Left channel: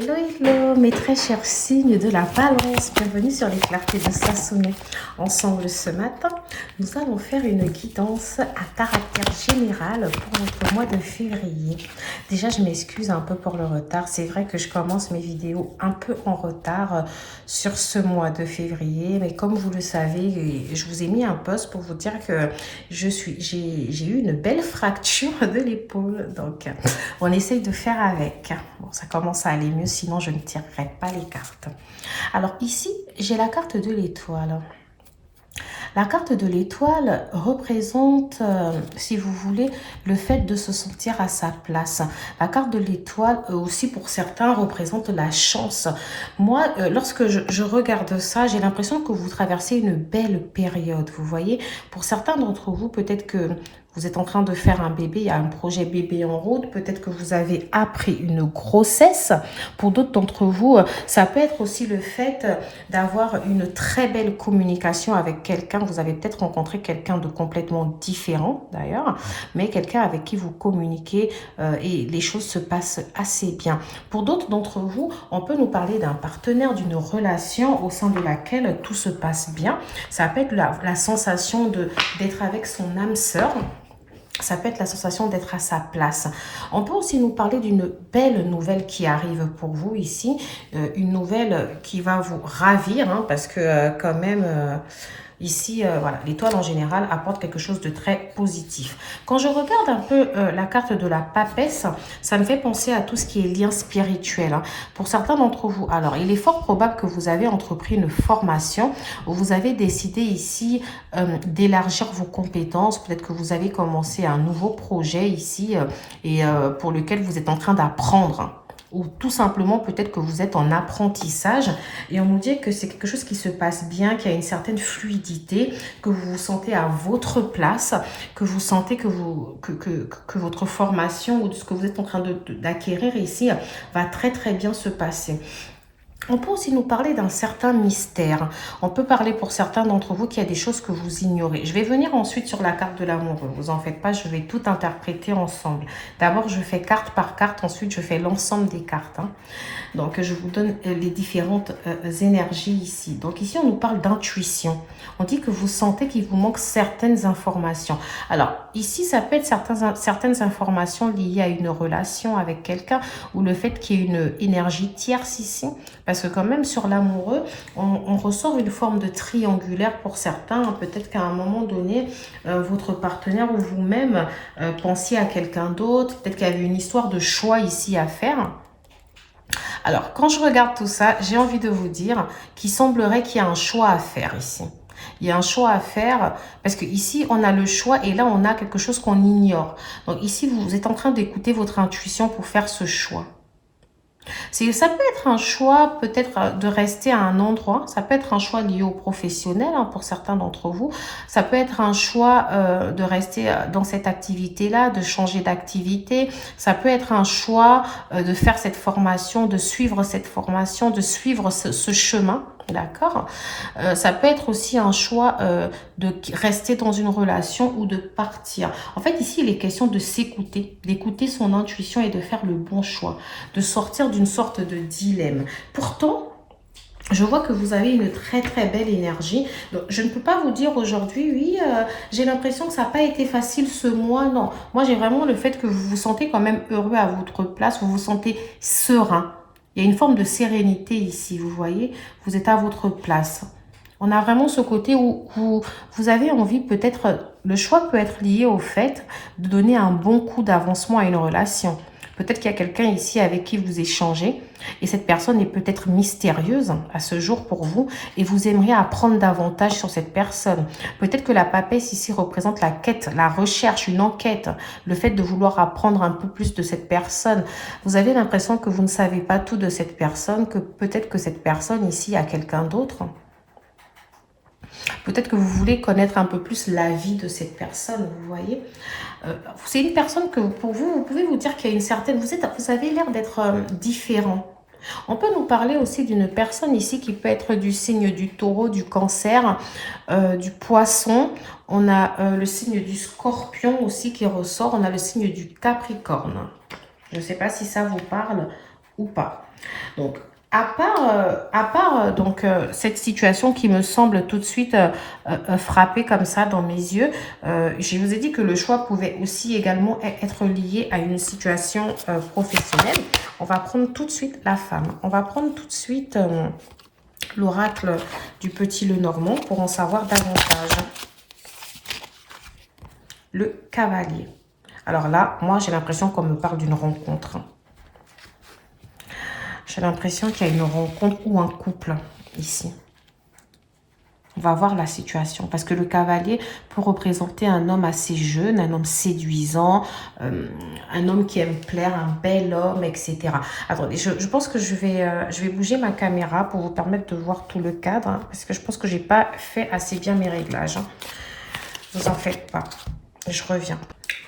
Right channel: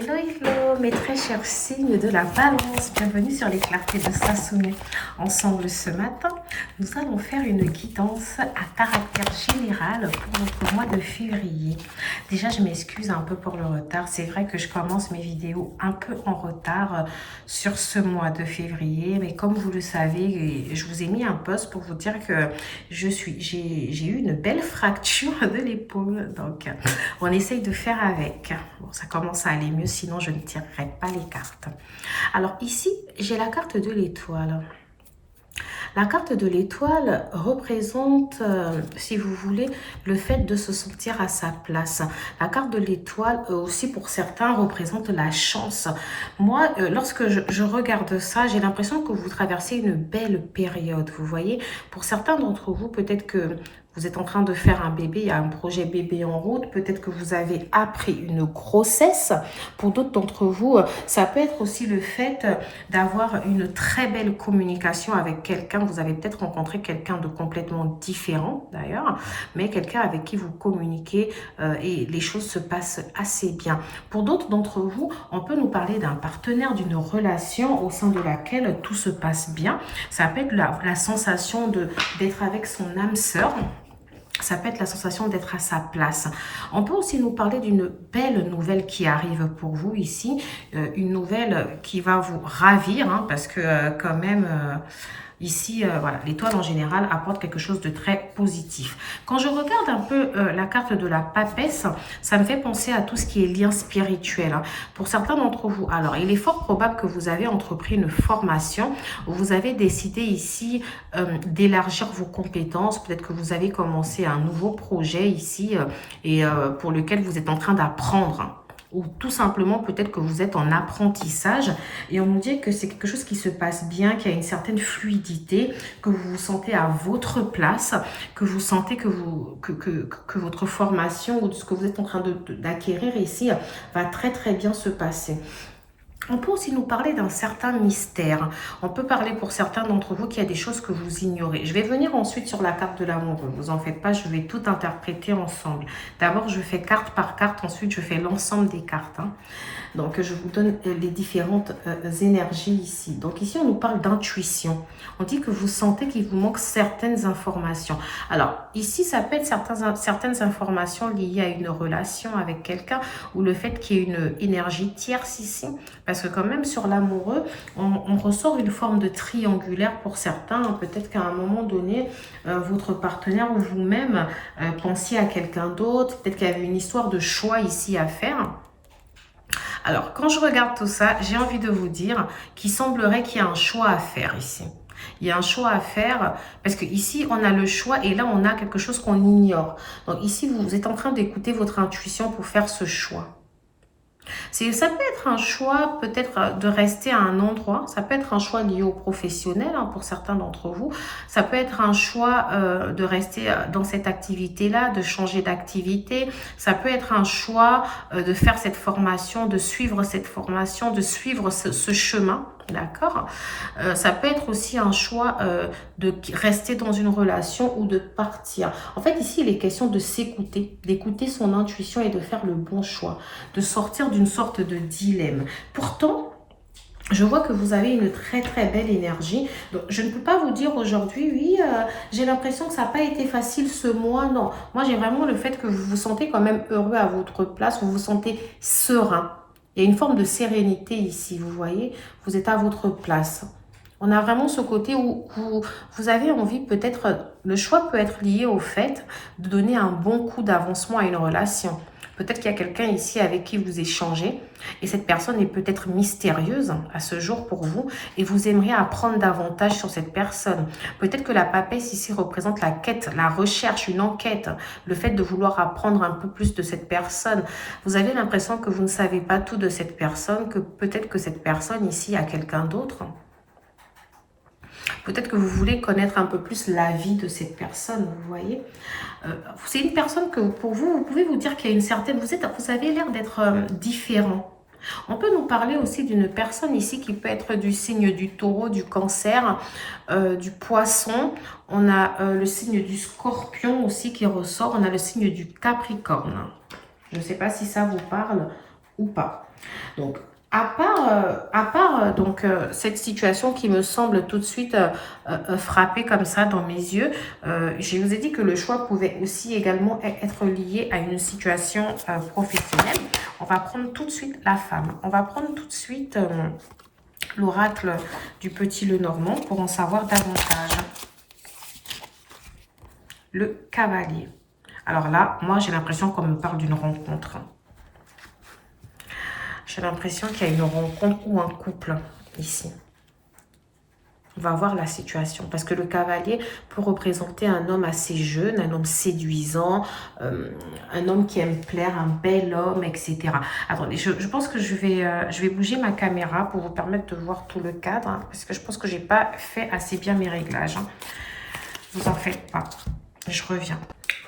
Hello, hello, mes très chers signes de la balance, bienvenue sur les clartés de Sassoumé. Ensemble ce matin, nous allons faire une guidance à caractère général pour notre mois de février. Déjà, je m'excuse un peu pour le retard. C'est vrai que je commence mes vidéos un peu en retard sur ce mois de février. Mais comme vous le savez, je vous ai mis un post pour vous dire que j'ai eu une belle fracture de l'épaule. Donc, on essaye de faire avec. Bon, ça commence à aller mieux, sinon je ne tirerai pas les cartes. Alors ici, j'ai la carte de l'étoile. La carte de l'étoile représente, si vous voulez, le fait de se sentir à sa place. La carte de l'étoile, aussi pour certains, représente la chance. Moi, lorsque je regarde ça, j'ai l'impression que vous traversez une belle période, vous voyez. Pour certains d'entre vous, peut-être que vous êtes en train de faire un bébé, il y a un projet bébé en route, peut-être que vous avez appris une grossesse. Pour d'autres d'entre vous, ça peut être aussi le fait d'avoir une très belle communication avec quelqu'un. Vous avez peut-être rencontré quelqu'un de complètement différent d'ailleurs, mais quelqu'un avec qui vous communiquez et les choses se passent assez bien. Pour d'autres d'entre vous, on peut nous parler d'un partenaire, d'une relation au sein de laquelle tout se passe bien. Ça peut être la sensation d'être avec son âme sœur. Ça peut être la sensation d'être à sa place. On peut aussi nous parler d'une belle nouvelle qui arrive pour vous ici. Une nouvelle qui va vous ravir, hein, parce que quand même... Ici, voilà, l'étoile en général apporte quelque chose de très positif. Quand je regarde un peu la carte de la papesse, ça me fait penser à tout ce qui est lien spirituel. Hein. Pour certains d'entre vous, alors il est fort probable que vous avez entrepris une formation, où vous avez décidé ici d'élargir vos compétences. Peut-être que vous avez commencé un nouveau projet ici et pour lequel vous êtes en train d'apprendre. Ou tout simplement peut-être que vous êtes en apprentissage et on nous dit que c'est quelque chose qui se passe bien, qui a une certaine fluidité, que vous vous sentez à votre place, que vous sentez que votre formation ou ce que vous êtes en train d'acquérir ici va très très bien se passer. On peut aussi nous parler d'un certain mystère. On peut parler pour certains d'entre vous qu'il y a des choses que vous ignorez. Je vais venir ensuite sur la carte de l'amour. Ne vous en faites pas, je vais tout interpréter ensemble. D'abord, je fais carte par carte. Ensuite, je fais l'ensemble des cartes. Hein. Donc, je vous donne les différentes énergies ici. Donc, ici, on nous parle d'intuition. On dit que vous sentez qu'il vous manque certaines informations. Alors, ici, ça peut être certaines informations liées à une relation avec quelqu'un ou le fait qu'il y ait une énergie tierce ici. Parce que quand même, sur l'amoureux, on ressort une forme de triangulaire pour certains. Peut-être qu'à un moment donné, votre partenaire ou vous-même pensiez à quelqu'un d'autre. Peut-être qu'il y avait une histoire de choix ici à faire. Alors, quand je regarde tout ça, j'ai envie de vous dire qu'il semblerait qu'il y a un choix à faire ici. Il y a un choix à faire parce que ici on a le choix et là on a quelque chose qu'on ignore. Donc ici vous êtes en train d'écouter votre intuition pour faire ce choix. Ça peut être un choix peut-être de rester à un endroit, ça peut être un choix lié au professionnel hein, pour certains d'entre vous, ça peut être un choix de rester dans cette activité-là, de changer d'activité, ça peut être un choix de faire cette formation, de suivre cette formation, de suivre ce chemin. D'accord. Ça peut être aussi un choix de rester dans une relation ou de partir. En fait, ici, il est question de s'écouter, d'écouter son intuition et de faire le bon choix, de sortir d'une sorte de dilemme. Pourtant, je vois que vous avez une très très belle énergie. Donc, je ne peux pas vous dire aujourd'hui, oui, j'ai l'impression que ça n'a pas été facile ce mois. Non, moi j'ai vraiment le fait que vous vous sentez quand même heureux à votre place, vous vous sentez serein. Il y a une forme de sérénité ici, vous voyez, vous êtes à votre place. On a vraiment ce côté où vous avez envie, peut-être, le choix peut être lié au fait de donner un bon coup d'avancement à une relation. Peut-être qu'il y a quelqu'un ici avec qui vous échangez et cette personne est peut-être mystérieuse à ce jour pour vous et vous aimeriez apprendre davantage sur cette personne. Peut-être que la papesse ici représente la quête, la recherche, une enquête, le fait de vouloir apprendre un peu plus de cette personne. Vous avez l'impression que vous ne savez pas tout de cette personne, que peut-être que cette personne ici a quelqu'un d'autre. Peut-être que vous voulez connaître un peu plus la vie de cette personne, vous voyez. C'est une personne que pour vous, vous pouvez vous dire qu'il y a une certaine... Vous avez l'air d'être différent. On peut nous parler aussi d'une personne ici qui peut être du signe du taureau, du cancer, du poisson. On a le signe du scorpion aussi qui ressort. On a le signe du capricorne. Je ne sais pas si ça vous parle. ou pas. Donc, donc, cette situation qui me semble tout de suite frapper comme ça dans mes yeux, je vous ai dit que le choix pouvait aussi également être lié à une situation professionnelle. On va prendre tout de suite la femme. On va prendre tout de suite l'oracle du petit Lenormand pour en savoir davantage. Le cavalier. Alors là, moi j'ai l'impression qu'on me parle d'une rencontre. J'ai l'impression qu'il y a une rencontre ou un couple ici. On va voir la situation. Parce que le cavalier peut représenter un homme assez jeune, un homme séduisant, un homme qui aime plaire, un bel homme, etc. Attendez, je pense que je vais bouger ma caméra pour vous permettre de voir tout le cadre. Hein, parce que je pense que je n'ai pas fait assez bien mes réglages. Hein. Vous en faites pas. Je reviens.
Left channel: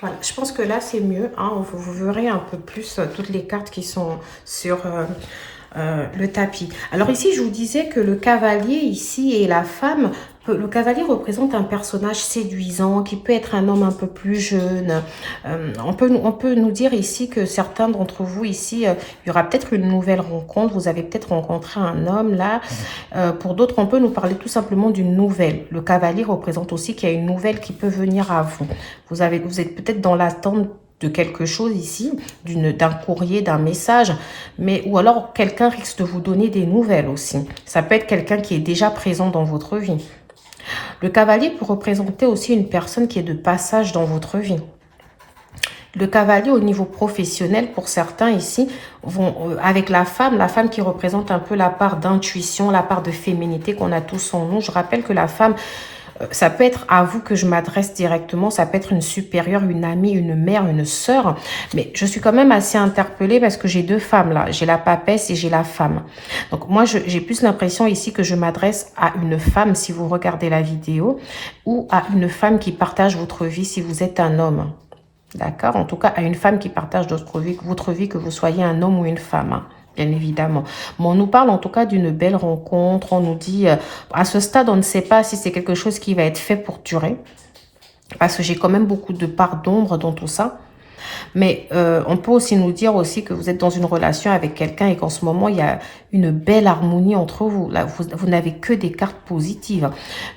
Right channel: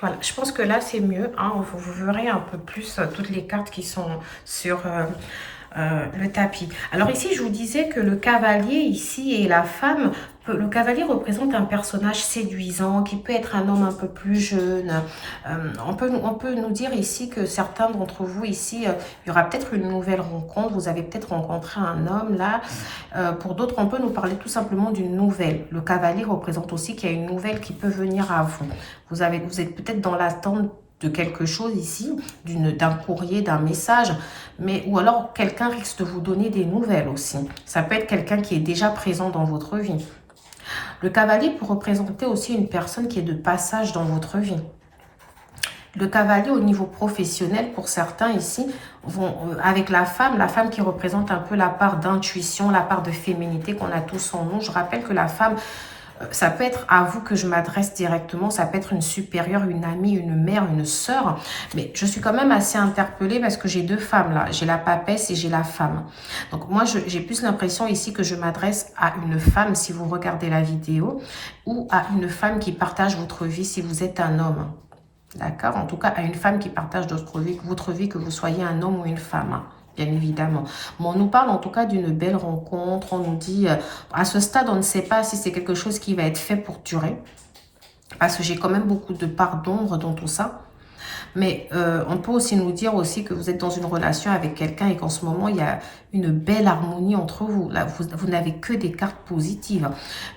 Voilà, je pense que là c'est mieux. Hein, vous verrez un peu plus toutes les cartes qui sont sur le tapis. Alors ici, je vous disais que le cavalier ici et la femme, le cavalier représente un personnage séduisant qui peut être un homme un peu plus jeune. On peut nous dire ici que certains d'entre vous ici, il y aura peut-être une nouvelle rencontre. Vous avez peut-être rencontré un homme là. Pour d'autres, on peut nous parler tout simplement d'une nouvelle. Le cavalier représente aussi qu'il y a une nouvelle qui peut venir à vous. Vous êtes peut-être dans l'attente de quelque chose ici, d'un courrier, d'un message, ou alors quelqu'un risque de vous donner des nouvelles aussi. Ça peut être quelqu'un qui est déjà présent dans votre vie. Le cavalier peut représenter aussi une personne qui est de passage dans votre vie. Le cavalier au niveau professionnel, pour certains ici, avec la femme qui représente un peu la part d'intuition, la part de féminité qu'on a tous en nous. Je rappelle que la femme, ça peut être à vous que je m'adresse directement, ça peut être une supérieure, une amie, une mère, une sœur. Mais je suis quand même assez interpellée parce que j'ai deux femmes là. J'ai la papesse et j'ai la femme. Donc moi, j'ai plus l'impression ici que je m'adresse à une femme si vous regardez la vidéo ou à une femme qui partage votre vie si vous êtes un homme. D'accord? En tout cas, à une femme qui partage votre vie, que vous soyez un homme ou une femme. Hein. Bien évidemment. Mais on nous parle en tout cas d'une belle rencontre. On nous dit, à ce stade, on ne sait pas si c'est quelque chose qui va être fait pour durer. Parce que j'ai quand même beaucoup de part d'ombre dans tout ça. Mais on peut aussi nous dire aussi que vous êtes dans une relation avec quelqu'un et qu'en ce moment, il y a une belle harmonie entre vous. Là, vous n'avez que des cartes positives.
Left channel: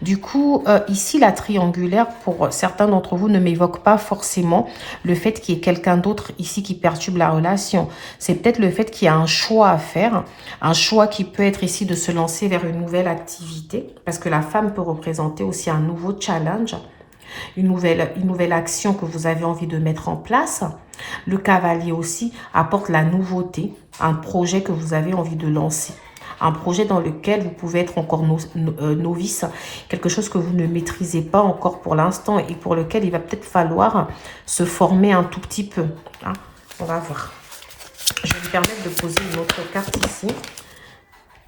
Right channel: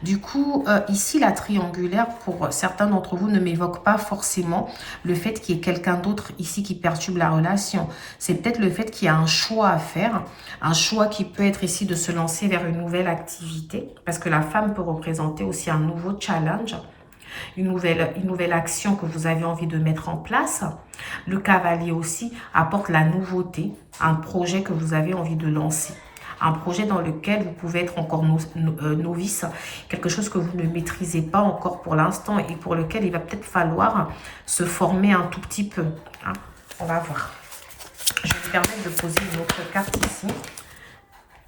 Du coup, ici, la triangulaire, pour certains d'entre vous, ne m'évoque pas forcément le fait qu'il y ait quelqu'un d'autre ici qui perturbe la relation. C'est peut-être le fait qu'il y a un choix à faire, un choix qui peut être ici de se lancer vers une nouvelle activité, parce que la femme peut représenter aussi un nouveau challenge. Une nouvelle action que vous avez envie de mettre en place. Le cavalier aussi apporte la nouveauté, un projet que vous avez envie de lancer. Un projet dans lequel vous pouvez être encore novice, quelque chose que vous ne maîtrisez pas encore pour l'instant et pour lequel il va peut-être falloir se former un tout petit peu. Hein. On va voir. Je vais vous permettre de poser une autre carte ici.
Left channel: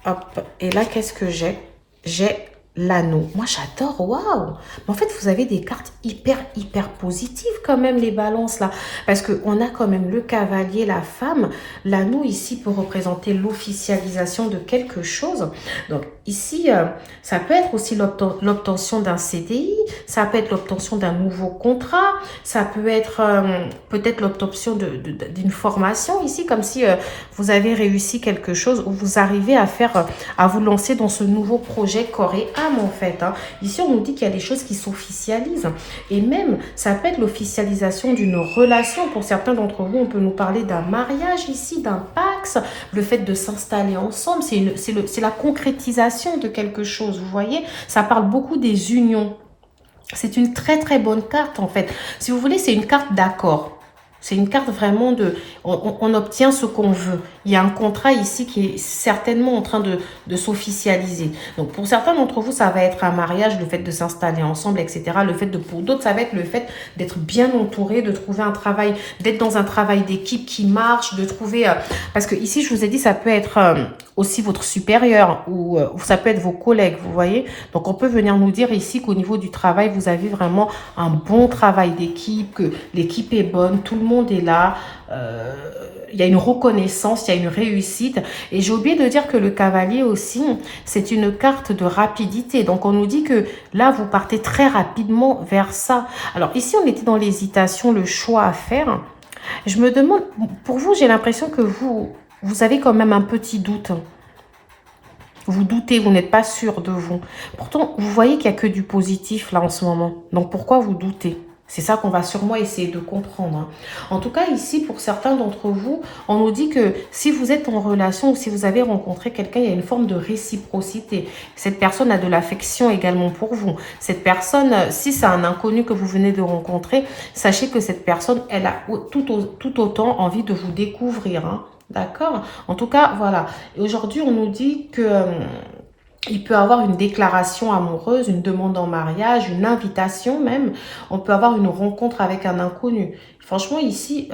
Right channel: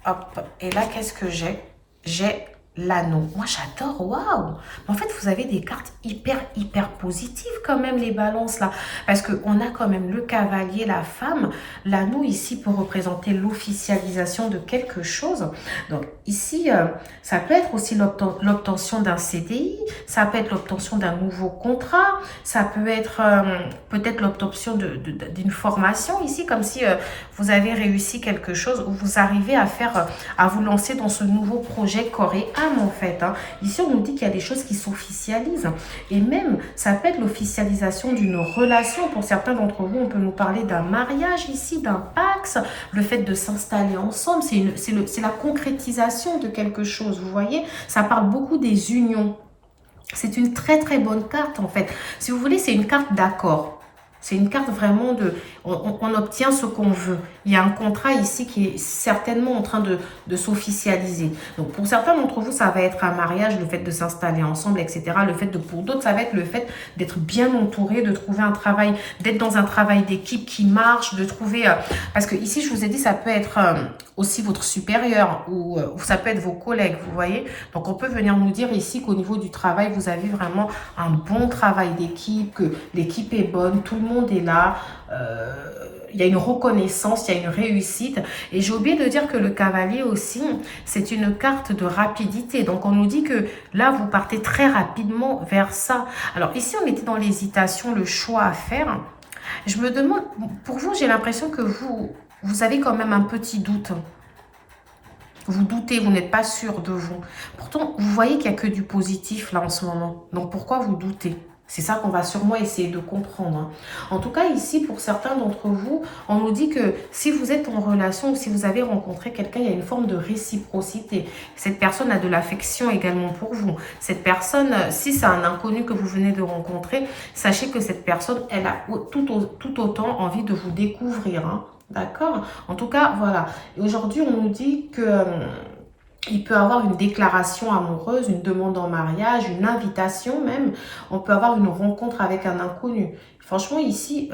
Hop. Et là, qu'est-ce que j'ai? J'ai l'anneau. Moi, j'adore. Waouh! En fait, vous avez des cartes hyper positives quand même, les balances là. Parce qu'on a quand même le cavalier, la femme. L'anneau ici peut représenter l'officialisation de quelque chose. Donc ici, ça peut être aussi l'obtention d'un CDI. Ça peut être l'obtention d'un nouveau contrat. Ça peut être peut-être l'obtention d'une formation ici, comme si vous avez réussi quelque chose ou vous arrivez à vous lancer dans ce nouveau projet corps et âme en fait. Hein. Ici, on nous dit qu'il y a des choses qui s'officialisent. Et même, ça peut être l'officialisation d'une relation. Pour certains d'entre vous, on peut nous parler d'un mariage ici, d'un pax. Le fait de s'installer ensemble, c'est la concrétisation de quelque chose. Vous voyez, ça parle beaucoup des unions. C'est une très bonne carte en fait. Si vous voulez, c'est une carte d'accord. C'est une carte vraiment de... On obtient ce qu'on veut. Il y a un contrat ici qui est certainement en train de s'officialiser. Donc, pour certains d'entre vous, ça va être un mariage, le fait de s'installer ensemble, etc. Pour d'autres, ça va être le fait d'être bien entouré, de trouver un travail, d'être dans un travail d'équipe qui marche, de trouver... parce que ici, je vous ai dit, ça peut être aussi votre supérieur ou ça peut être vos collègues, vous voyez. Donc, on peut venir nous dire ici qu'au niveau du travail, vous avez vraiment un bon travail d'équipe, que l'équipe est bonne, tout le monde est là, il y a une reconnaissance, il y a une réussite. Et j'ai oublié de dire que le cavalier aussi, c'est une carte de rapidité. Donc, on nous dit que là, vous partez très rapidement vers ça. Alors, ici, on était dans l'hésitation, le choix à faire. Je me demande, pour vous, j'ai l'impression que vous Vous avez quand même un petit doute. Vous doutez, vous n'êtes pas sûr de vous. Pourtant, vous voyez qu'il n'y a que du positif là en ce moment. Donc, pourquoi vous doutez? C'est ça qu'on va sûrement essayer de comprendre, hein. En tout cas, ici, pour certains d'entre vous, on nous dit que si vous êtes en relation ou si vous avez rencontré quelqu'un, il y a une forme de réciprocité. Cette personne a de l'affection également pour vous. Cette personne, si c'est un inconnu que vous venez de rencontrer, sachez que cette personne, elle a tout autant envie de vous découvrir, hein. D'accord? En tout cas, voilà. Aujourd'hui, on nous dit que il peut avoir une déclaration amoureuse, une demande en mariage, une invitation même. On peut avoir une rencontre avec un inconnu. Franchement, ici,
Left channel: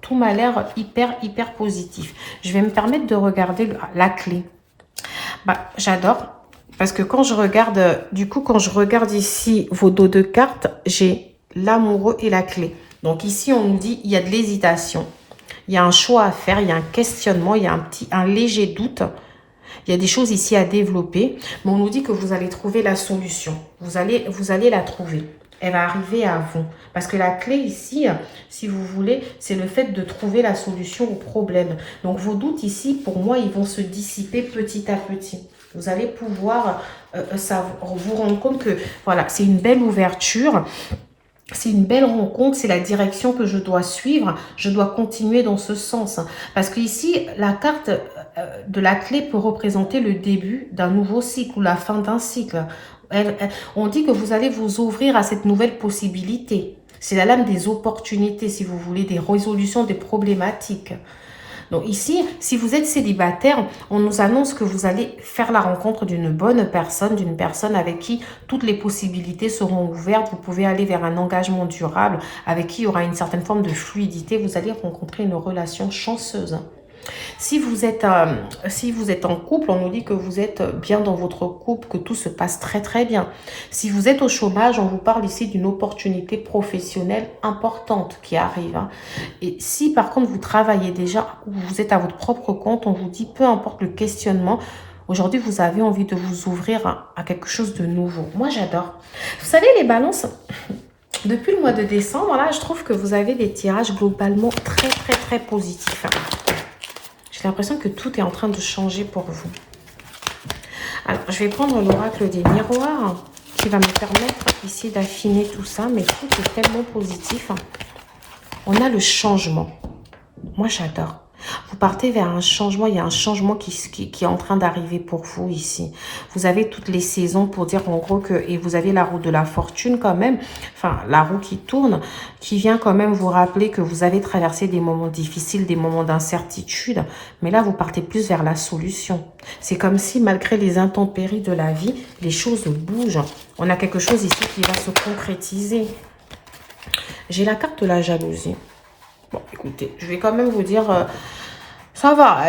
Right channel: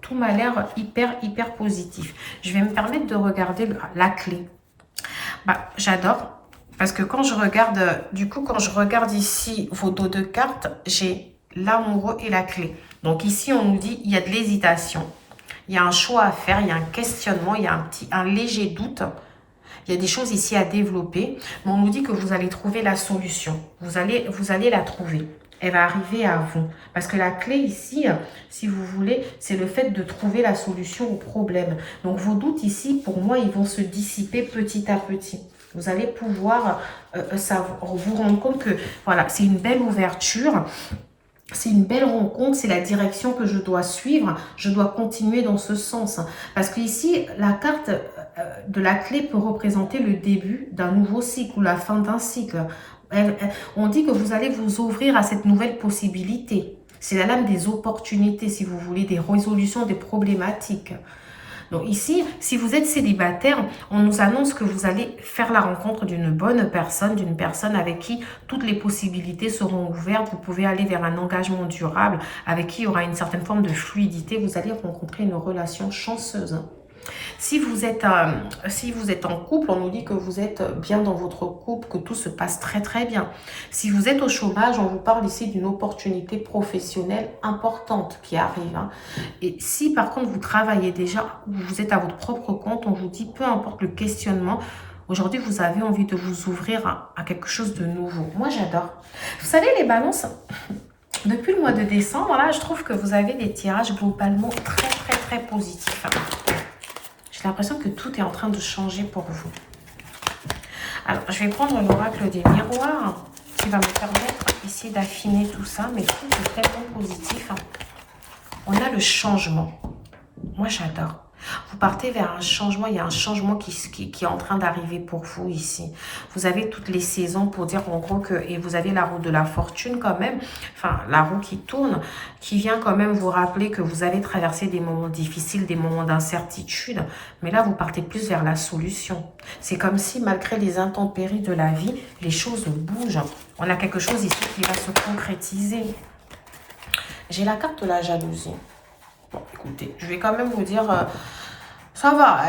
tout m'a l'air hyper positif. Je vais me permettre de regarder la clé. Bah, j'adore. Parce que quand je regarde, du coup, quand je regarde ici vos dos de cartes, j'ai l'amoureux et la clé. Donc ici, on nous dit il y a de l'hésitation. Il y a un choix à faire, il y a un questionnement, il y a un léger doute. Il y a des choses ici à développer, mais on nous dit que vous allez trouver la solution. Vous allez la trouver. Elle va arriver à vous. Parce que la clé ici, si vous voulez, c'est le fait de trouver la solution au problème. Donc vos doutes ici, pour moi, ils vont se dissiper petit à petit. Vous allez pouvoir vous rendre compte que voilà, c'est une belle ouverture. C'est une belle rencontre, c'est la direction que je dois suivre. Je dois continuer dans ce sens. Parce que ici, la carte de la clé peut représenter le début d'un nouveau cycle ou la fin d'un cycle. On dit que vous allez vous ouvrir à cette nouvelle possibilité. C'est la lame des opportunités, si vous voulez, des résolutions des problématiques. Donc ici, si vous êtes célibataire, on nous annonce que vous allez faire la rencontre d'une bonne personne, d'une personne avec qui toutes les possibilités seront ouvertes. Vous pouvez aller vers un engagement durable, avec qui il y aura une certaine forme de fluidité. Vous allez rencontrer une relation chanceuse. Si vous êtes en couple, on nous dit que vous êtes bien dans votre couple, que tout se passe très bien. Si vous êtes au chômage, on vous parle ici d'une opportunité professionnelle importante qui arrive, hein. Et si par contre vous travaillez déjà ou vous êtes à votre propre compte, on vous dit peu importe le questionnement, aujourd'hui vous avez envie de vous ouvrir à quelque chose de nouveau. Moi j'adore. Vous savez les balances, depuis le mois de décembre, là je trouve que vous avez des tirages globalement très positifs. J'ai l'impression que tout est en train de changer pour vous. Alors, je vais prendre l'oracle des miroirs qui va me permettre ici d'affiner tout ça. Mais tout est tellement positif. On a le changement. Moi, j'adore. Vous partez vers un changement. Il y a un changement qui est en train d'arriver pour vous ici. Vous avez toutes les saisons pour dire en gros que... Et vous avez la roue de la fortune quand même. Enfin, la roue qui tourne, qui vient quand même vous rappeler que vous avez traversé des moments difficiles, des moments d'incertitude. Mais là, vous partez plus vers la solution. C'est comme si, malgré les intempéries de la vie, les choses bougent. On a quelque chose ici qui va se concrétiser. J'ai la carte de la jalousie. Bon, écoutez, je vais quand même vous dire, ça va,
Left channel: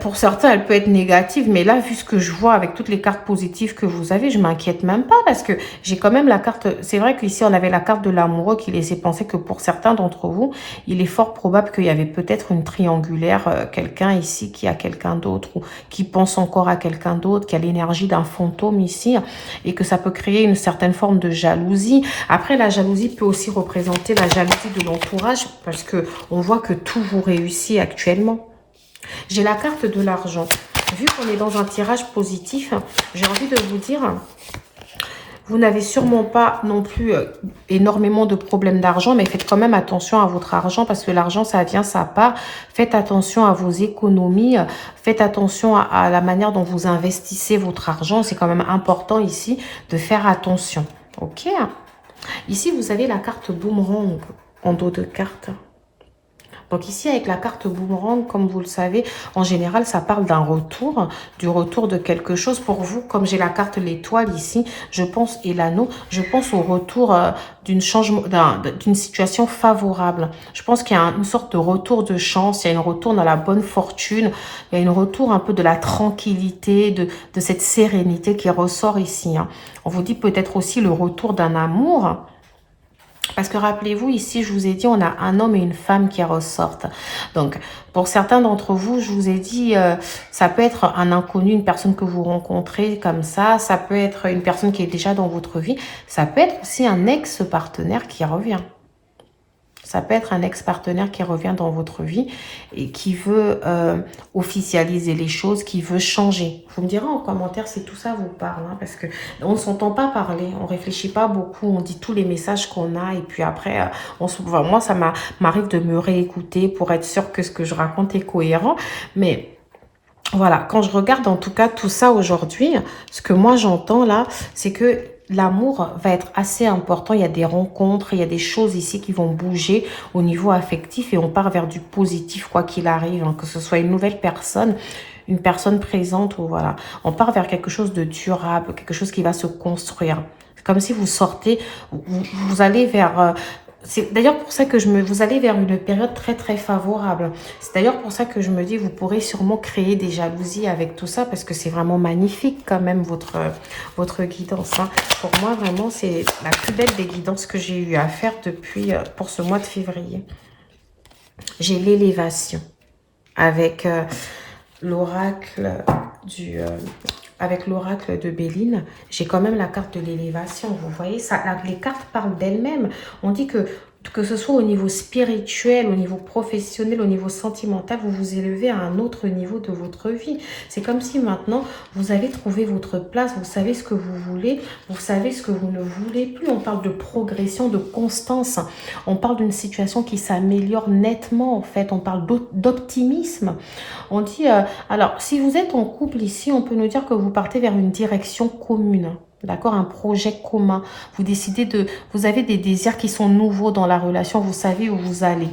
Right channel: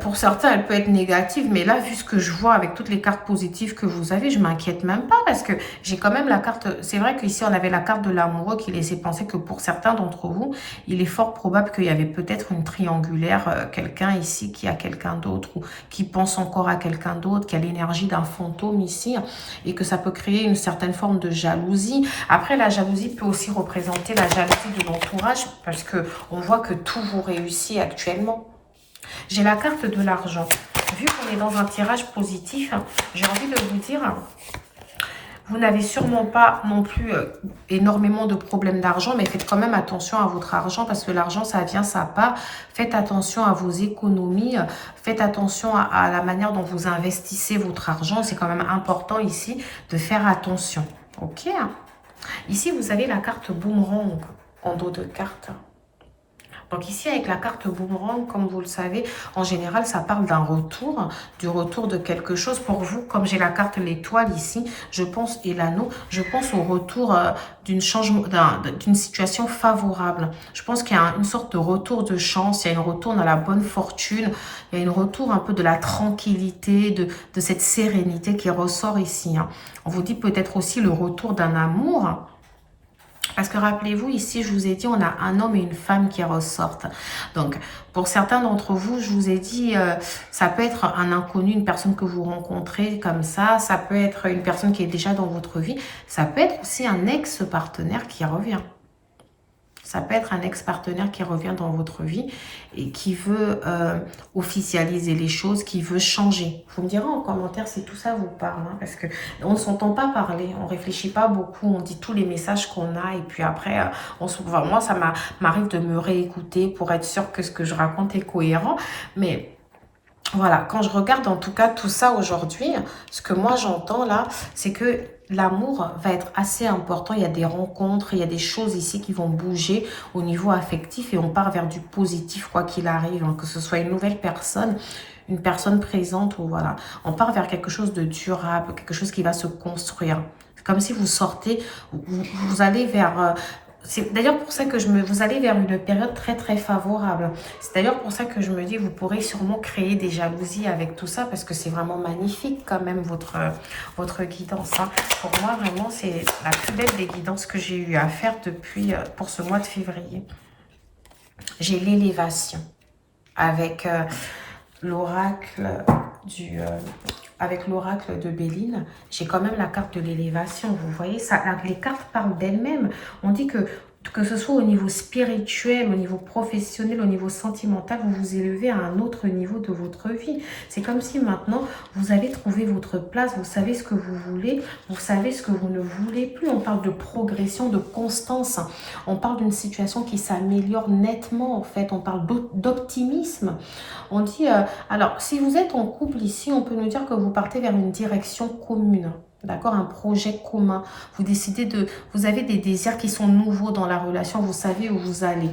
pour certains, elle peut être négative, mais là, vu ce que je vois avec toutes les cartes positives que vous avez, je m'inquiète même pas parce que j'ai quand même la carte, c'est vrai qu'ici, on avait la carte de l'amoureux qui laissait penser que pour certains d'entre vous, il est fort probable qu'il y avait peut-être une triangulaire, quelqu'un ici qui a quelqu'un d'autre ou qui pense encore à quelqu'un d'autre, qui a l'énergie d'un fantôme ici et que ça peut créer une certaine forme de jalousie. Après, la jalousie peut aussi représenter la jalousie de l'entourage parce que on voit que tout vous réussit actuellement. J'ai la carte de l'argent. Vu qu'on est dans un tirage positif, j'ai envie de vous dire, vous n'avez sûrement pas non plus énormément de problèmes d'argent, mais faites quand même attention à votre argent parce que l'argent, ça vient, ça part. Faites attention à vos économies, faites attention à la manière dont vous investissez votre argent. C'est quand même important ici de faire attention. Ok. Ici, vous avez la carte boomerang en dos de carte. Donc ici, avec la carte boomerang, comme vous le savez, en général, ça parle d'un retour, du retour de quelque chose. Pour vous, comme j'ai la carte l'étoile ici, je pense, et l'anneau, je pense au retour d'une situation favorable. Je pense qu'il y a une sorte de retour de chance, il y a un retour dans la bonne fortune, il y a un retour un peu de la tranquillité, de cette sérénité qui ressort ici, hein. On vous dit peut-être aussi le retour d'un amour. Parce que rappelez-vous, ici, je vous ai dit, on a un homme et une femme qui ressortent. Donc, pour certains d'entre vous, je vous ai dit, ça peut être un inconnu, une personne que vous rencontrez comme ça peut être une personne qui est déjà dans votre vie, ça peut être aussi un ex-partenaire qui revient. Ça peut être un ex-partenaire qui revient dans votre vie et qui veut officialiser les choses, qui veut changer. Vous me direz en commentaire si tout ça vous parle, hein, parce que on ne s'entend pas parler, on réfléchit pas beaucoup, on dit tous les messages qu'on a et puis après, moi ça m'arrive de me réécouter pour être sûr que ce que je raconte est cohérent, mais... Voilà, quand je regarde en tout cas tout ça aujourd'hui, ce que moi j'entends là, c'est que l'amour va être assez important. Il y a des rencontres, il y a des choses ici qui vont bouger au niveau affectif et on part vers du positif quoi qu'il arrive, hein, que ce soit une nouvelle personne, une personne présente ou voilà. On part vers quelque chose de durable, quelque chose qui va se construire. C'est comme si vous sortez, vous allez vers... c'est d'ailleurs pour ça que vous allez vers une période très très favorable. C'est d'ailleurs pour ça que je me dis vous pourrez sûrement créer des jalousies avec tout ça parce que c'est vraiment magnifique quand même votre guidance. Hein. Pour moi vraiment c'est la plus belle des guidances que j'ai eu à faire depuis pour ce mois de février. J'ai l'élévation avec l'oracle avec l'oracle de Béline, j'ai quand même la carte de l'élévation. Vous voyez, ça, les cartes parlent d'elles-mêmes. On dit que ce soit au niveau spirituel, au niveau professionnel, au niveau sentimental, vous vous élevez à un autre niveau de votre vie. C'est comme si maintenant, vous avez trouvé votre place, vous savez ce que vous voulez, vous savez ce que vous ne voulez plus. On parle de progression, de constance. On parle d'une situation qui s'améliore nettement, en fait. On parle d'optimisme. On dit, alors, si vous êtes en couple ici, on peut nous dire que vous partez vers une direction commune. D'accord, un projet commun. Vous décidez vous avez des désirs qui sont nouveaux dans la relation. Vous savez où vous allez.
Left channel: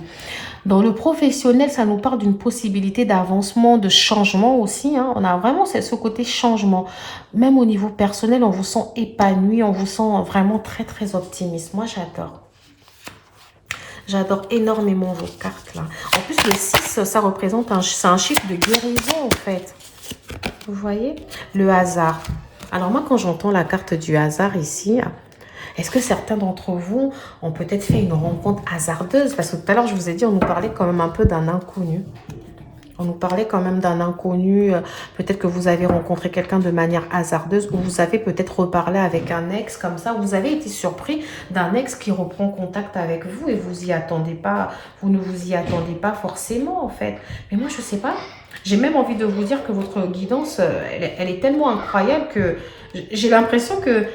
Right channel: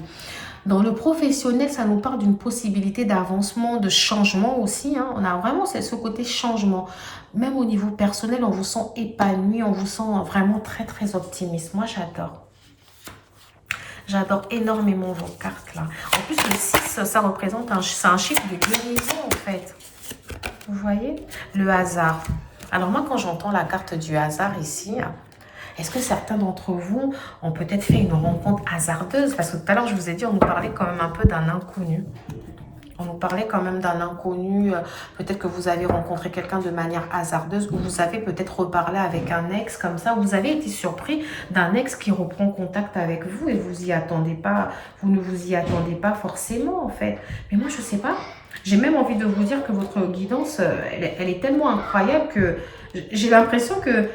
Dans le professionnel, ça nous parle d'une possibilité d'avancement, de changement aussi. Hein. On a vraiment ce côté changement. Même au niveau personnel, on vous sent épanoui, on vous sent vraiment très très optimiste. Moi, j'adore. J'adore énormément vos cartes là. En plus, le 6, ça représente c'est un chiffre de guérison en fait. Vous voyez? Le hasard. Alors moi, quand j'entends la carte du hasard ici, est-ce que certains d'entre vous ont peut-être fait une rencontre hasardeuse? Parce que tout à l'heure, je vous ai dit, on nous parlait quand même un peu d'un inconnu. On nous parlait quand même d'un inconnu. Peut-être que vous avez rencontré quelqu'un de manière hasardeuse ou vous avez peut-être reparlé avec un ex comme ça. Vous avez été surpris d'un ex qui reprend contact avec vous et vous y attendez pas. Vous ne vous y attendez pas forcément en fait. Mais moi, je sais pas. J'ai même envie de vous dire que votre guidance, elle est tellement incroyable que j'ai l'impression que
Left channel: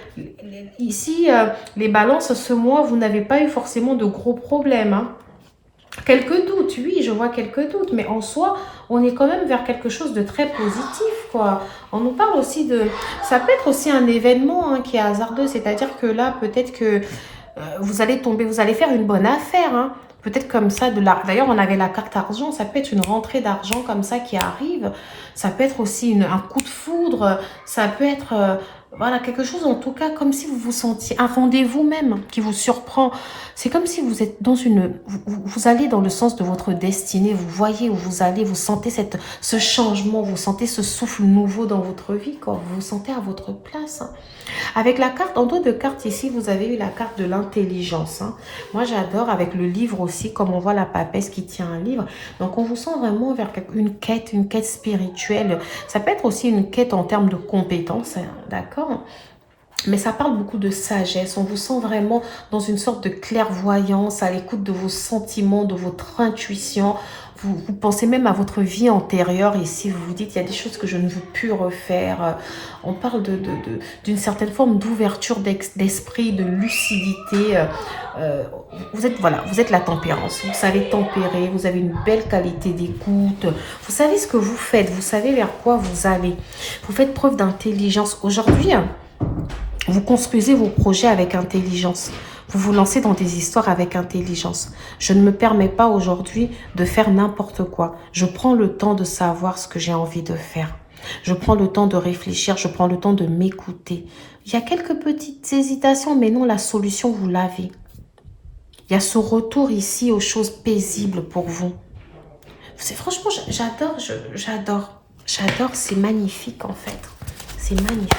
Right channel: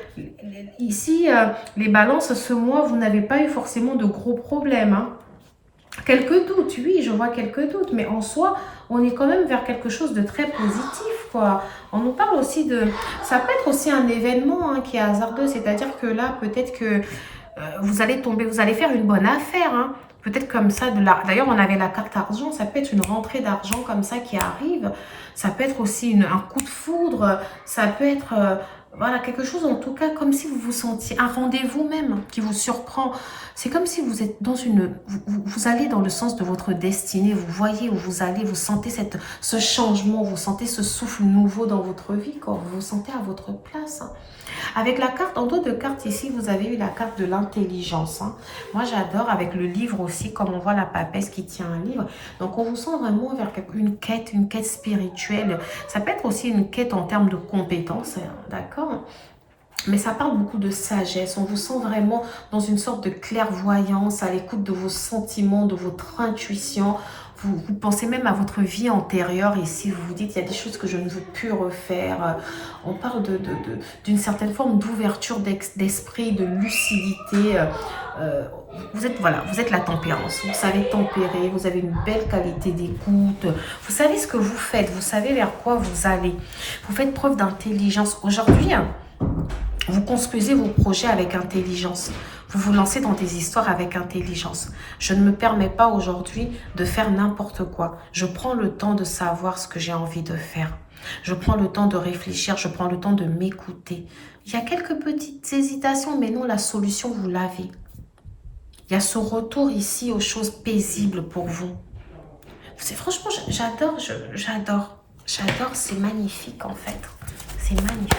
ici, les balances, ce mois, vous n'avez pas eu forcément de gros problèmes. Hein. Quelques doutes, oui, je vois quelques doutes, mais en soi, on est quand même vers quelque chose de très positif, quoi. On nous parle aussi de... Ça peut être aussi un événement qui est hasardeux, c'est-à-dire que là, peut-être que vous allez faire une bonne affaire, hein. Peut-être comme ça, d'ailleurs, on avait la carte argent, ça peut être une rentrée d'argent comme ça qui arrive. Ça peut être aussi un coup de foudre, ça peut être... voilà, quelque chose en tout cas, comme si vous vous sentiez un rendez-vous même qui vous surprend. C'est comme si vous êtes dans vous allez dans le sens de votre destinée, vous voyez où vous allez, vous sentez ce changement, vous sentez ce souffle nouveau dans votre vie, quand vous vous sentez à votre place. Avec la carte, en dos de carte ici, vous avez eu la carte de l'intelligence. Moi, j'adore avec le livre aussi, comme on voit la papesse qui tient un livre. Donc, on vous sent vraiment vers une quête spirituelle. Ça peut être aussi une quête en termes de compétences, d'accord ? Mais ça parle beaucoup de sagesse. On vous sent vraiment dans une sorte de clairvoyance, à l'écoute de vos sentiments, de votre intuition. Vous pensez même à votre vie antérieure ici. Vous vous dites, il y a des choses que je ne veux plus refaire. On parle d'une certaine forme d'ouverture d'esprit, de lucidité. Vous êtes la tempérance. Vous savez tempérer. Vous avez une belle qualité d'écoute. Vous savez ce que vous faites. Vous savez vers quoi vous allez. Vous faites preuve d'intelligence. Aujourd'hui, vous construisez vos projets avec intelligence. Vous vous lancez dans des histoires avec intelligence. Je ne me permets pas aujourd'hui de faire n'importe quoi. Je prends le temps de savoir ce que j'ai envie de faire. Je prends le temps de réfléchir. Je prends le temps de m'écouter. Il y a quelques petites hésitations, mais non, la solution, vous l'avez. Il y a ce retour ici aux choses paisibles pour vous. Franchement, j'adore. J'adore, c'est magnifique en fait. C'est magnifique.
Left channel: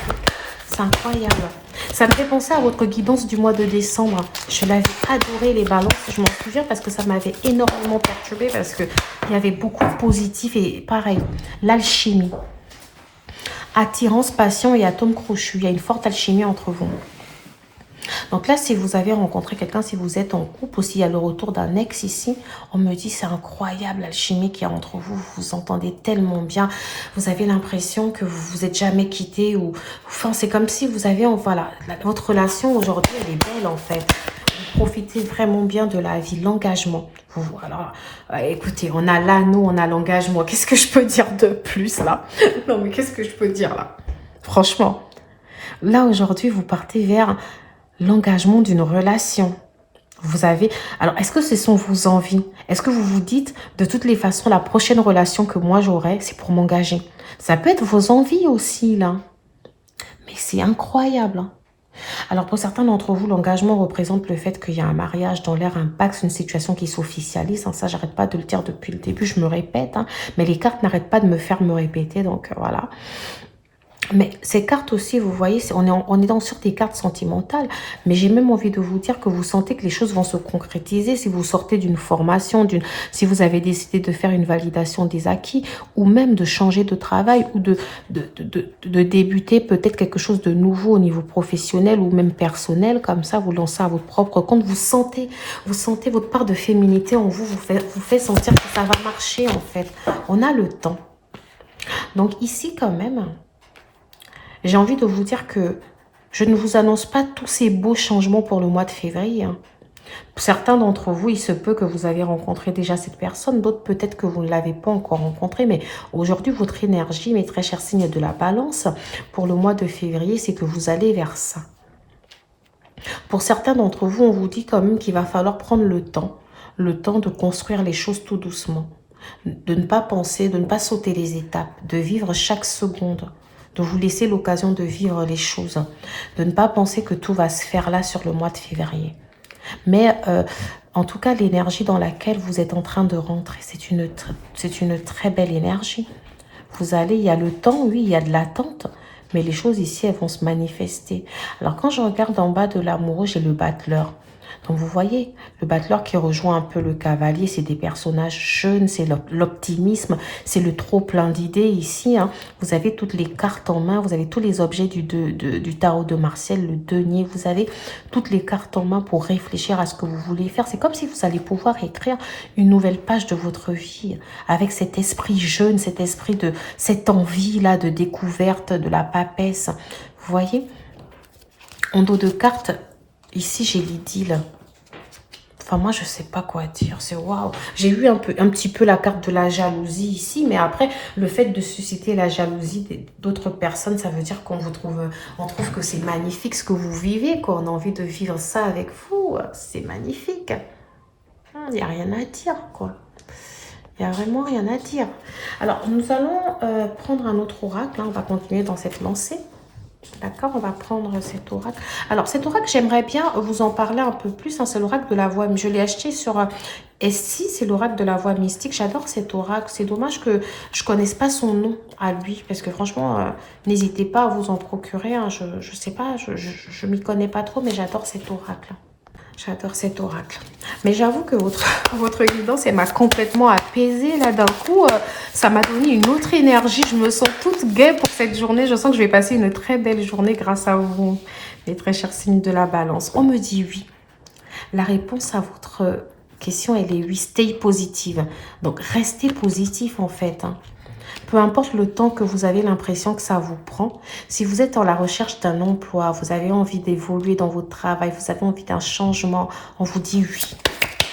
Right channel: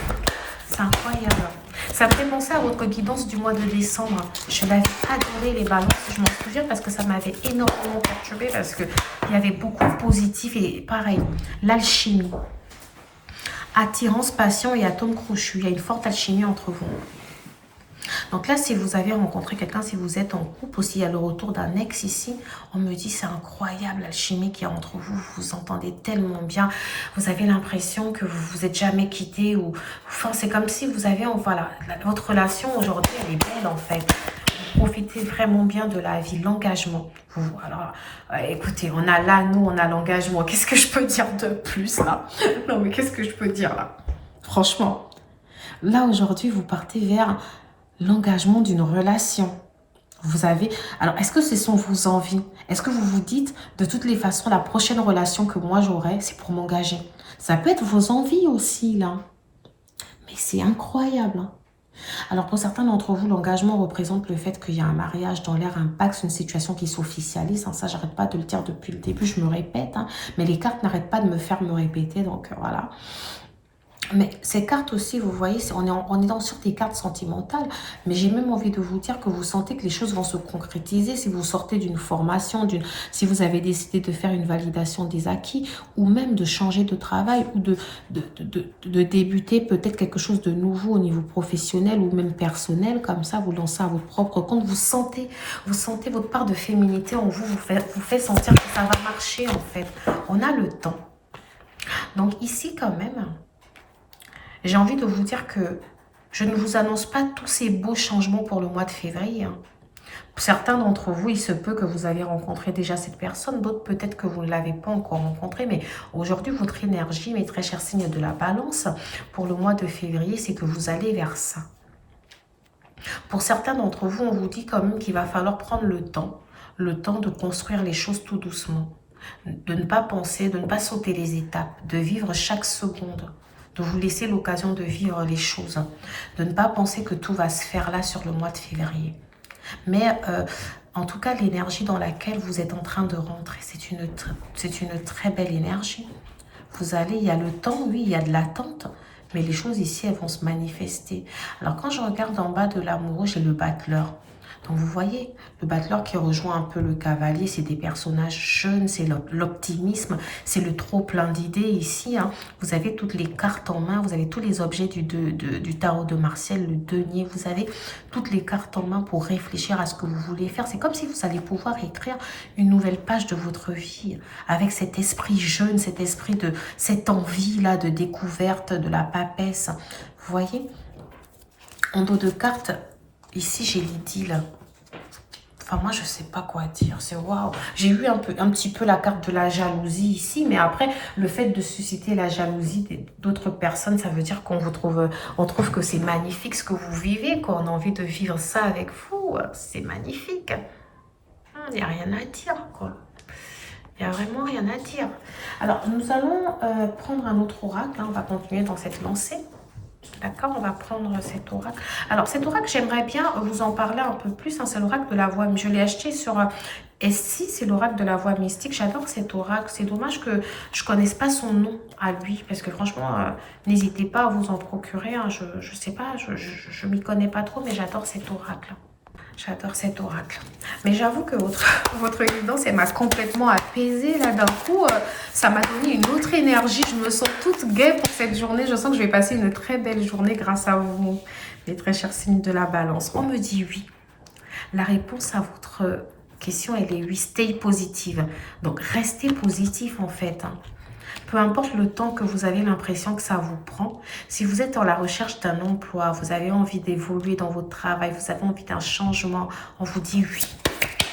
C'est incroyable. Ça me fait penser à votre guidance du mois de décembre. Je l'avais adoré, les balances. Je m'en souviens parce que ça m'avait énormément perturbée parce qu'il y avait beaucoup de positifs. Et pareil, l'alchimie. Attirance, passion et atome crochu. Il y a une forte alchimie entre vous. Donc là, si vous avez rencontré quelqu'un, si vous êtes en couple, ou s'il y a le retour d'un ex ici, on me dit c'est incroyable l'alchimie qu'il y a entre vous. Vous vous entendez tellement bien. Vous avez l'impression que vous vous êtes jamais quitté. Ou enfin, c'est comme si vous avez... Voilà, votre relation aujourd'hui, elle est belle en fait. Profitez vraiment bien de la vie, l'engagement. Alors, écoutez, on a l'anneau, on a l'engagement. Qu'est-ce que je peux dire de plus là? Non, mais qu'est-ce que je peux dire là? Franchement, là aujourd'hui, vous partez vers l'engagement d'une relation. Vous avez... Alors, est-ce que ce sont vos envies? Est-ce que vous vous dites, de toutes les façons, la prochaine relation que moi j'aurai, c'est pour m'engager? Ça peut être vos envies aussi, là. Mais c'est incroyable, hein. Alors, pour certains d'entre vous, l'engagement représente le fait qu'il y a un mariage dans l'air, un pacte, une situation qui s'officialise. Hein. Ça, j'arrête pas de le dire depuis le début, je me répète. Hein. Mais les cartes n'arrêtent pas de me faire me répéter, donc voilà. Mais ces cartes aussi, vous voyez, on est sur des cartes sentimentales. Mais j'ai même envie de vous dire que vous sentez que les choses vont se concrétiser si vous sortez d'une formation, si vous avez décidé de faire une validation des acquis, ou même de changer de travail, ou de débuter peut-être quelque chose de nouveau au niveau professionnel ou même personnel. Comme ça, vous lancez à votre propre compte. Vous sentez votre part de féminité en vous, vous fait sentir que ça va marcher en fait. On a le temps. Donc ici quand même... J'ai envie de vous dire que je ne vous annonce pas tous ces beaux changements pour le mois de février. Pour certains d'entre vous, il se peut que vous avez rencontré déjà cette personne. D'autres, peut-être que vous ne l'avez pas encore rencontrée. Mais aujourd'hui, votre énergie, mes très chers signes de la balance, pour le mois de février, c'est que vous allez vers ça. Pour certains d'entre vous, on vous dit quand même qu'il va falloir prendre le temps de construire les choses tout doucement. De ne pas penser, de ne pas sauter les étapes, de vivre chaque seconde. De vous laisser l'occasion de vivre les choses, de ne pas penser que tout va se faire là sur le mois de février. Mais en tout cas, l'énergie dans laquelle vous êtes en train de rentrer, c'est une très belle énergie. Vous allez, il y a le temps, oui, il y a de l'attente, mais les choses ici, elles vont se manifester. Alors quand je regarde en bas de l'amoureux, j'ai le battleur. Donc vous voyez, le battleur qui rejoint un peu le cavalier, c'est des personnages jeunes, c'est l'optimisme, c'est le trop plein d'idées ici. Hein. Vous avez toutes les cartes en main, vous avez tous les objets du tarot de Martial, le denier, vous avez toutes les cartes en main pour réfléchir à ce que vous voulez faire. C'est comme si vous allez pouvoir écrire une nouvelle page de votre vie avec cet esprit jeune, cet esprit de cette envie-là de découverte, de la papesse. Vous voyez, en dos de cartes, ici, j'ai l'idylle. Enfin, moi, je sais pas quoi dire. C'est waouh. J'ai eu un petit peu la carte de la jalousie ici. Mais après, le fait de susciter la jalousie d'autres personnes, ça veut dire qu'on trouve que c'est magnifique ce que vous vivez, quoi. On a envie de vivre ça avec vous. C'est magnifique. Il n'y a rien à dire, quoi. Il n'y a vraiment rien à dire. Alors, nous allons prendre un autre oracle. Hein. On va continuer dans cette lancée. D'accord, on va prendre cet oracle. Alors, cet oracle, j'aimerais bien vous en parler un peu plus. Hein, c'est l'oracle de la voix. Je l'ai acheté sur S6, c'est l'oracle de la voix mystique. J'adore cet oracle. C'est dommage que je ne connaisse pas son nom à lui. Parce que franchement, n'hésitez pas à vous en procurer. Hein. Je ne sais pas, je m'y connais pas trop, mais j'adore cet oracle. J'adore cet oracle. Mais j'avoue que votre guidance, elle m'a complètement apaisée là d'un coup. Ça m'a donné une autre énergie. Je me sens toute gaie pour cette journée. Je sens que je vais passer une très belle journée grâce à vous, les très chers signes de la balance. On me dit oui. La réponse à votre question, elle est oui. Stay positive. Donc, restez positif en fait. Hein. Peu importe le temps que vous avez l'impression que ça vous prend, si vous êtes dans la recherche d'un emploi, vous avez envie d'évoluer dans votre travail, vous avez envie d'un changement, on vous dit oui.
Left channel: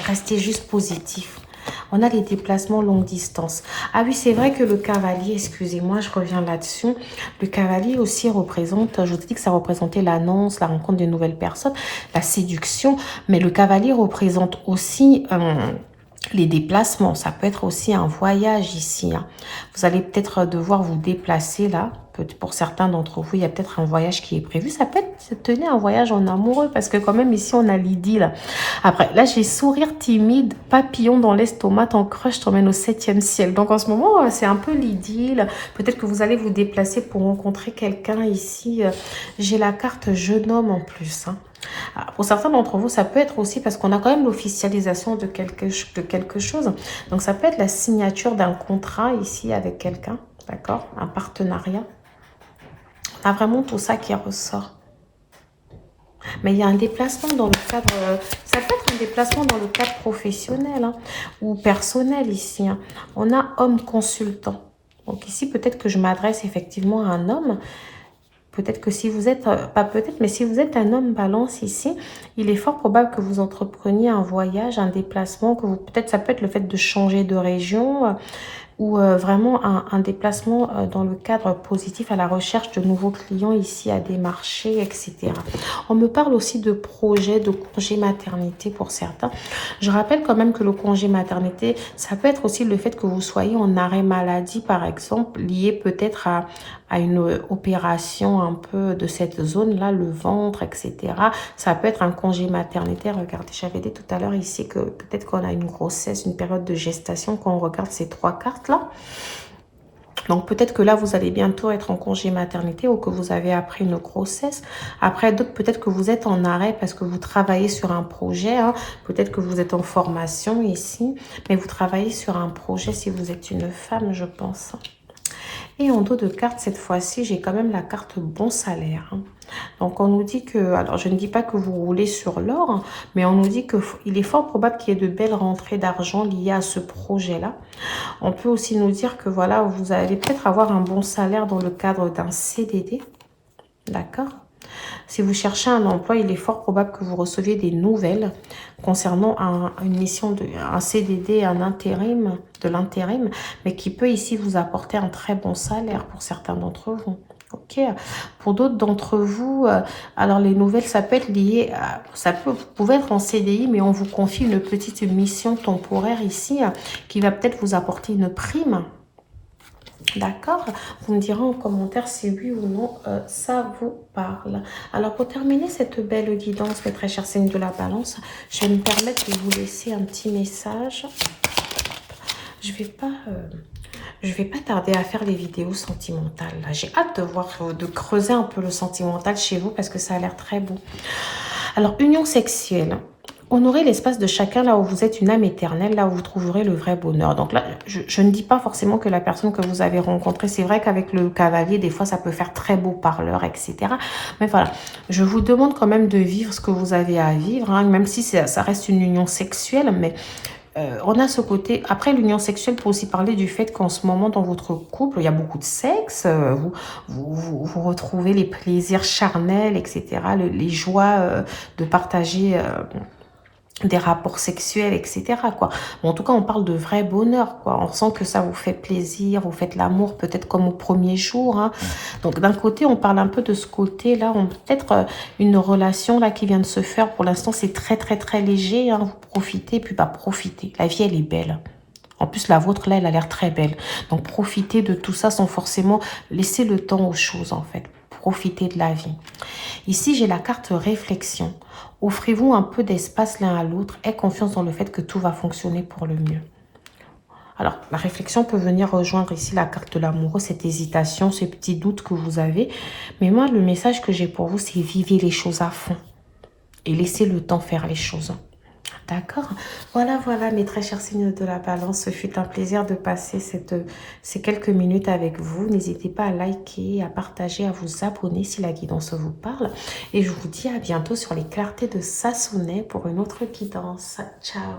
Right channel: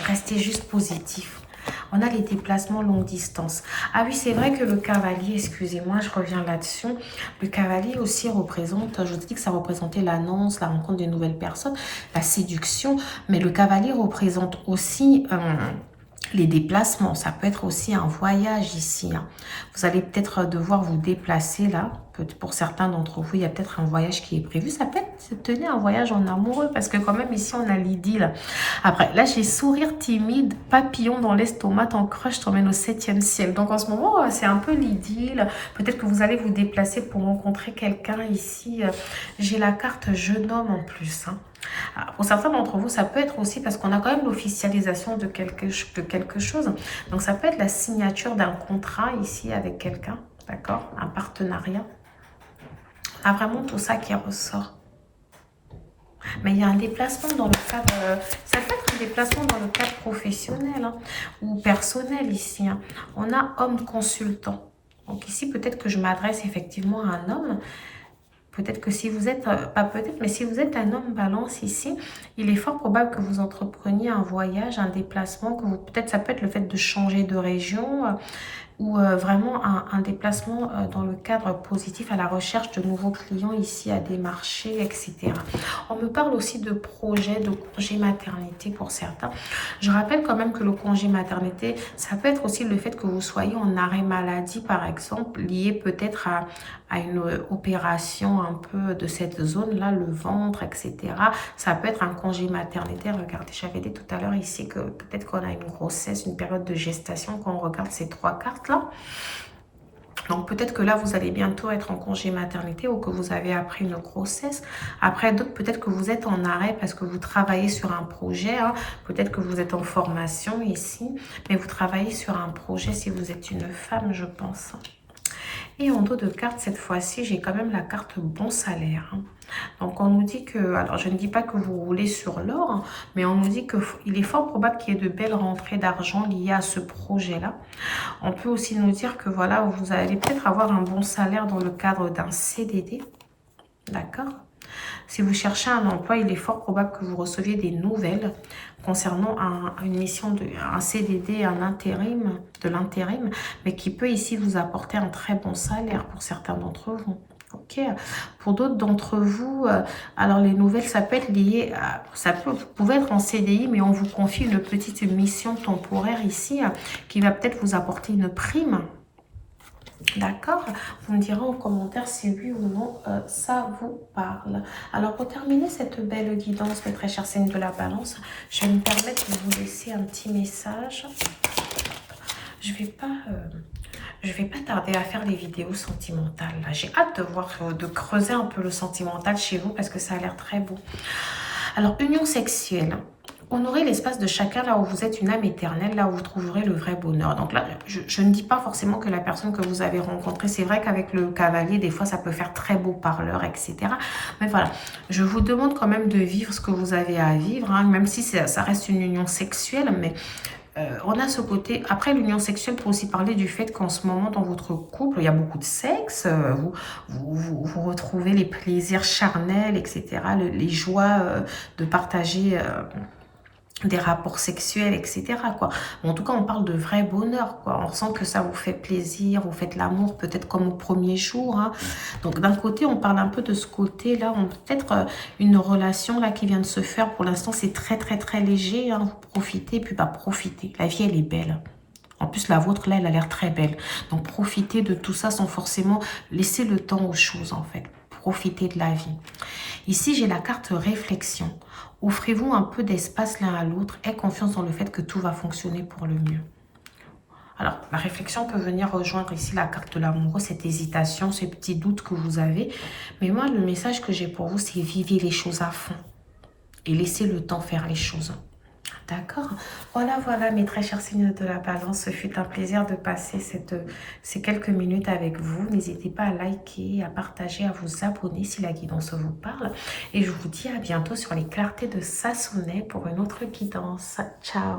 Restez juste positif. On a les déplacements longue distance. Ah oui, c'est vrai que le cavalier, excusez-moi, je reviens là-dessus. Le cavalier aussi représente, je vous ai dit que ça représentait l'annonce, la rencontre de nouvelles personnes, la séduction. Mais le cavalier représente aussi... les déplacements, ça peut être aussi un voyage ici. Hein. Vous allez peut-être devoir vous déplacer là. Pour certains d'entre vous, il y a peut-être un voyage qui est prévu. Ça peut être, tenez, un voyage en amoureux parce que quand même ici, on a l'idylle. Après, là, j'ai sourire timide, papillon dans l'estomac, ton crush t'emmène au 7e ciel. Donc en ce moment, c'est un peu l'idylle. Peut-être que vous allez vous déplacer pour rencontrer quelqu'un ici. J'ai la carte jeune homme en plus. Hein. Alors, pour certains d'entre vous, ça peut être aussi parce qu'on a quand même l'officialisation de quelque chose. Donc, ça peut être la signature d'un contrat ici avec quelqu'un, d'accord? Un partenariat. On a vraiment tout ça qui ressort. Mais il y a un déplacement dans le cadre, ça peut être un déplacement dans le cadre professionnel hein, ou personnel ici. Hein. On a homme consultant. Donc ici, peut-être que je m'adresse effectivement à un homme. Peut-être que si vous êtes, pas peut-être, mais si vous êtes un homme balance ici, il est fort probable que vous entrepreniez un voyage, un déplacement, que vous, peut-être ça peut être le fait de changer de région, ou vraiment un déplacement dans le cadre positif à la recherche de nouveaux clients ici à démarcher, etc. On me parle aussi de projets de congé maternité pour certains. Je rappelle quand même que le congé maternité, ça peut être aussi le fait que vous soyez en arrêt maladie, par exemple, lié peut-être à une opération un peu de cette zone-là, le ventre, etc. Ça peut être un congé maternité. Regardez, j'avais dit tout à l'heure ici que peut-être qu'on a une grossesse, une période de gestation quand on regarde ces trois cartes-là. Donc peut-être que là, vous allez bientôt être en congé maternité ou que vous avez appris une grossesse. Après, d'autres, peut-être que vous êtes en arrêt parce que vous travaillez sur un projet. Hein. Peut-être que vous êtes en formation ici, mais vous travaillez sur un projet si vous êtes une femme, je pense. Et en dos de carte, cette fois-ci, j'ai quand même la carte bon salaire. Hein. Donc, on nous dit que, alors je ne dis pas que vous roulez sur l'or, hein, mais on nous dit qu'il est fort probable qu'il y ait de belles rentrées d'argent liées à ce projet-là. On peut aussi nous dire que, voilà, vous allez peut-être avoir un bon salaire dans le cadre d'un CDD. D'accord ? Si vous cherchez un emploi, il est fort probable que vous receviez des nouvelles concernant une mission, un CDD, un intérim, de l'intérim, mais qui peut ici vous apporter un très bon salaire pour certains d'entre vous. Ok. Pour d'autres d'entre vous, alors les nouvelles, ça peut être lié à, vous pouvez être en CDI, mais on vous confie une petite mission temporaire ici qui va peut-être vous apporter une prime. D'accord? Vous me direz en commentaire si oui ou non ça vous parle. Alors pour terminer cette belle guidance, mes très chers signes de la balance, je vais me permettre de vous laisser un petit message. Je vais pas tarder à faire des vidéos sentimentales. J'ai hâte de voir, de creuser un peu le sentimental chez vous parce que ça a l'air très beau. Alors, union sexuelle. Honorez l'espace de chacun là où vous êtes une âme éternelle, là où vous trouverez le vrai bonheur. Donc là, je ne dis pas forcément que la personne que vous avez rencontrée, c'est vrai qu'avec le cavalier, des fois, ça peut faire très beau parleur, etc. Mais voilà, je vous demande quand même de vivre ce que vous avez à vivre, hein, même si ça reste une union sexuelle, mais on a ce côté, après l'union sexuelle peut aussi parler du fait qu'en ce moment dans votre couple, il y a beaucoup de sexe, vous retrouvez les plaisirs charnels, etc., les joies de partager des rapports sexuels, etc. quoi. Bon, en tout cas, on parle de vrai bonheur, quoi. On sent que ça vous fait plaisir, vous faites l'amour peut-être comme au premier jour. Hein. Donc, d'un côté, on parle un peu de ce côté-là. Peut-être une relation là qui vient de se faire. Pour l'instant, c'est très, très, très léger. Hein. Vous profitez, puis pas profitez. La vie, elle est belle. En plus, la vôtre, là, elle a l'air très belle. Donc, profitez de tout ça sans forcément laisser le temps aux choses, en fait. Profitez de la vie. Ici, j'ai la carte réflexion. Offrez-vous un peu d'espace l'un à l'autre. Aie confiance dans le fait que tout va fonctionner pour le mieux. Alors, la réflexion peut venir rejoindre ici la carte de l'amoureux, cette hésitation, ces petits doutes que vous avez. Mais moi, le message que j'ai pour vous, c'est vivez les choses à fond. Et laissez le temps faire les choses. D'accord? Voilà, mes très chers signes de la balance. Ce fut un plaisir de passer ces quelques minutes avec vous. N'hésitez pas à liker, à partager, à vous abonner si la guidance vous parle. Et je vous dis à bientôt sur les clartés de Sassonet pour une autre guidance. Ciao!